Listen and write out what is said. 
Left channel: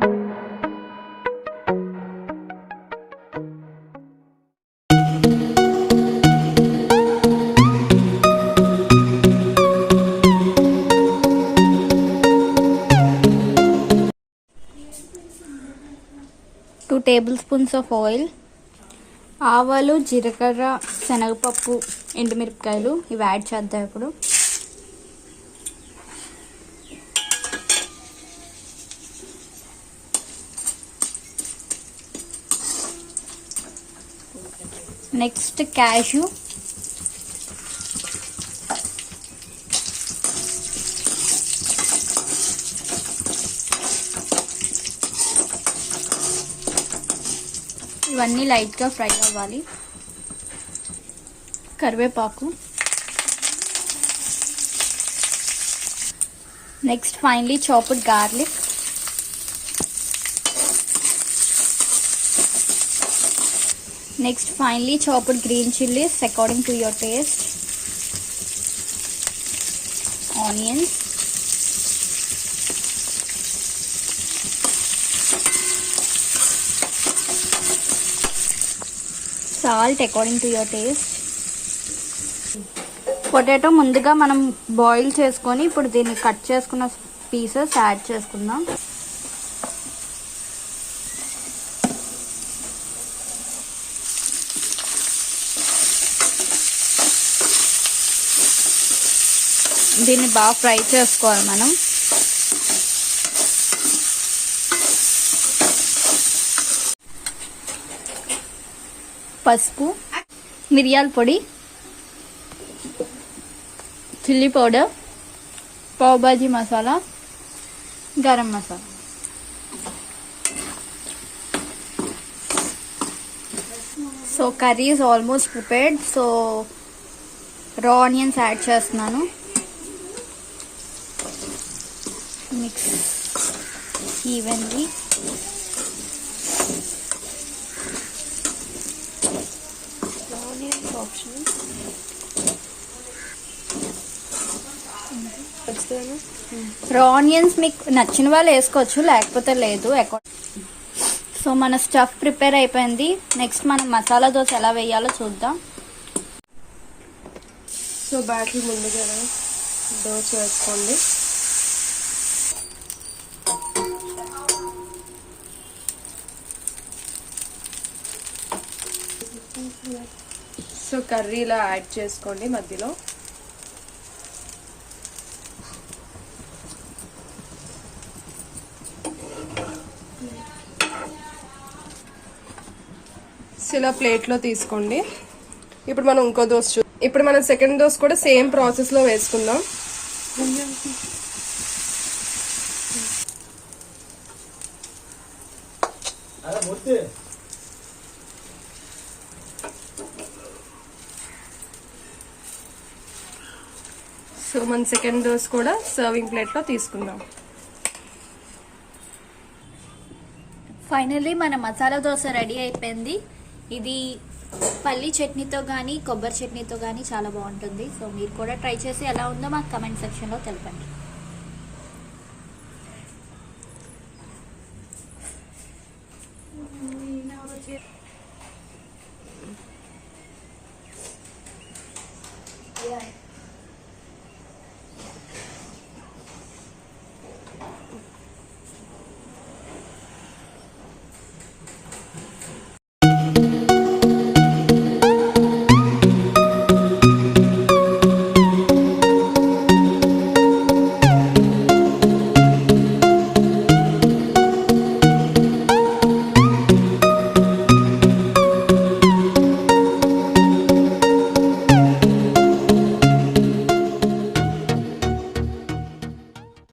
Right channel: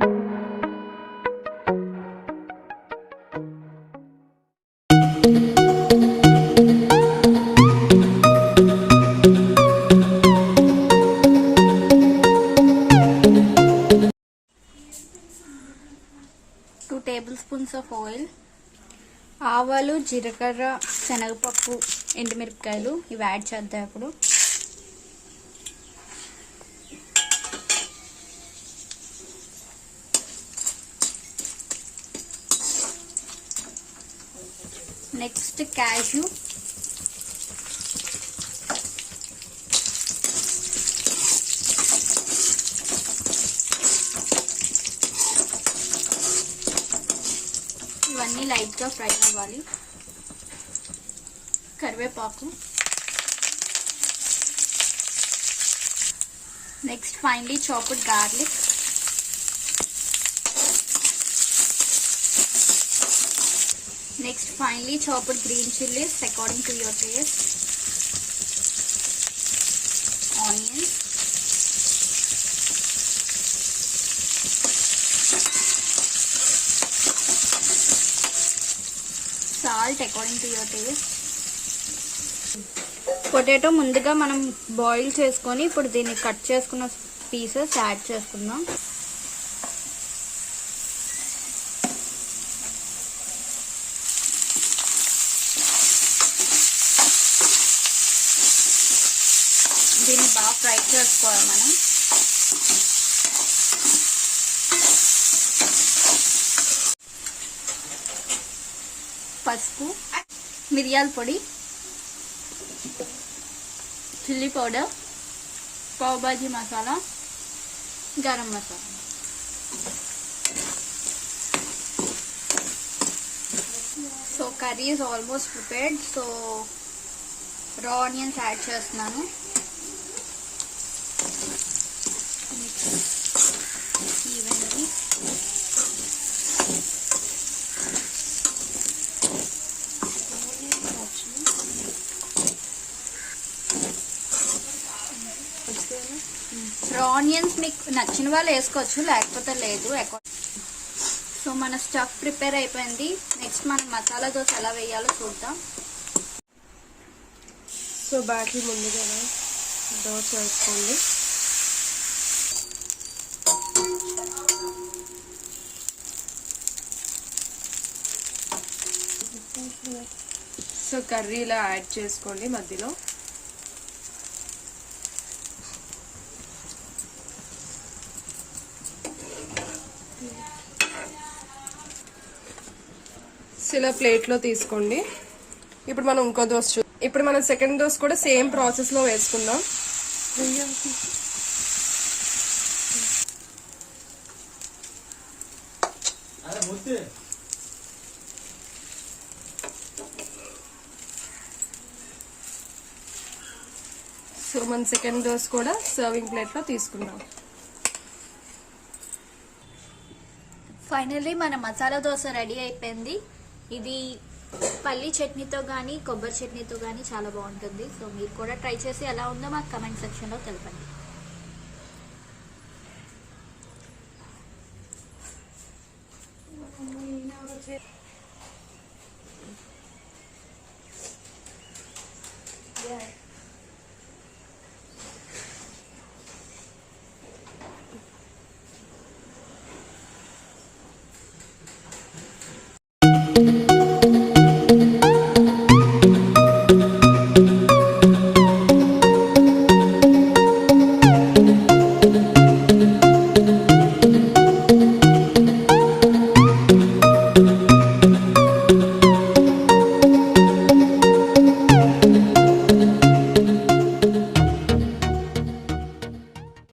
2 tablespoons of oil, ఆవాలు, జీలకర్ర, శనగపప్పు, ఎండుమిరపకాయలు ఇవి యాడ్ చేద్దాం ఇప్పుడు. నెక్స్ట్ క్యాష్యూ, ఇవన్నీ లైట్గా ఫ్రై అవ్వాలి. కరివేపాకు, next finally chopped garlic, next finally chopped green chillies according to your taste, onions, salt according to your taste. Potato ముందుగా మనం బాయిల్ చేసుకొని ఇప్పుడు దీన్ని కట్ చేసుకున్న పీసెస్ యాడ్ చేసుకుందాం. దీన్ని బాగా ఫ్రై చేసుకోవాలి మనం. పసుపు, మిరియాల పొడి, చిల్లీ పౌడర్, పావ్ భాజీ మసాలా, గరం masala. So curry is almost prepared. So రా ఆనియన్స్ యాడ్ చేస్తున్నాను. Mix evenly. రా ఆనియన్స్ మీకు నచ్చిన వాళ్ళు వేసుకోవచ్చు, లేకపోతే లేదు. సో మన స్టఫ్ ప్రిపేర్ అయిపోయింది. నెక్స్ట్ మనం మసాలా దోశ ఎలా వేయాలో చూద్దాం. సో బ్యాటర్ ముందుగా దోశ వేసుకోండి. సో కర్రీలా యాడ్ చేసుకోండి మధ్యలో. ఇలా ప్లేట్లో తీసుకోండి. ఇప్పుడు మనం ఇంకో దోశ ఇప్పుడు మనం సెకండ్ దోశ కూడా సేమ్ ప్రాసెస్ లో వేసుకుందాం. సో మన సెకండ్ దోశ కూడా సర్వింగ్ ప్లేట్ లో తీసుకుందాం. ఫైనల్లీ మన మసాలా దోశ రెడీ అయిపోయింది. ఇది పల్లి చట్నీతో కానీ కొబ్బరి చట్నీతో కానీ చాలా బాగుంటుంది. సో మీరు కూడా ట్రై చేసి ఎలా ఉందో మాకు కమెంట్ సెక్షన్లో తెలపండి.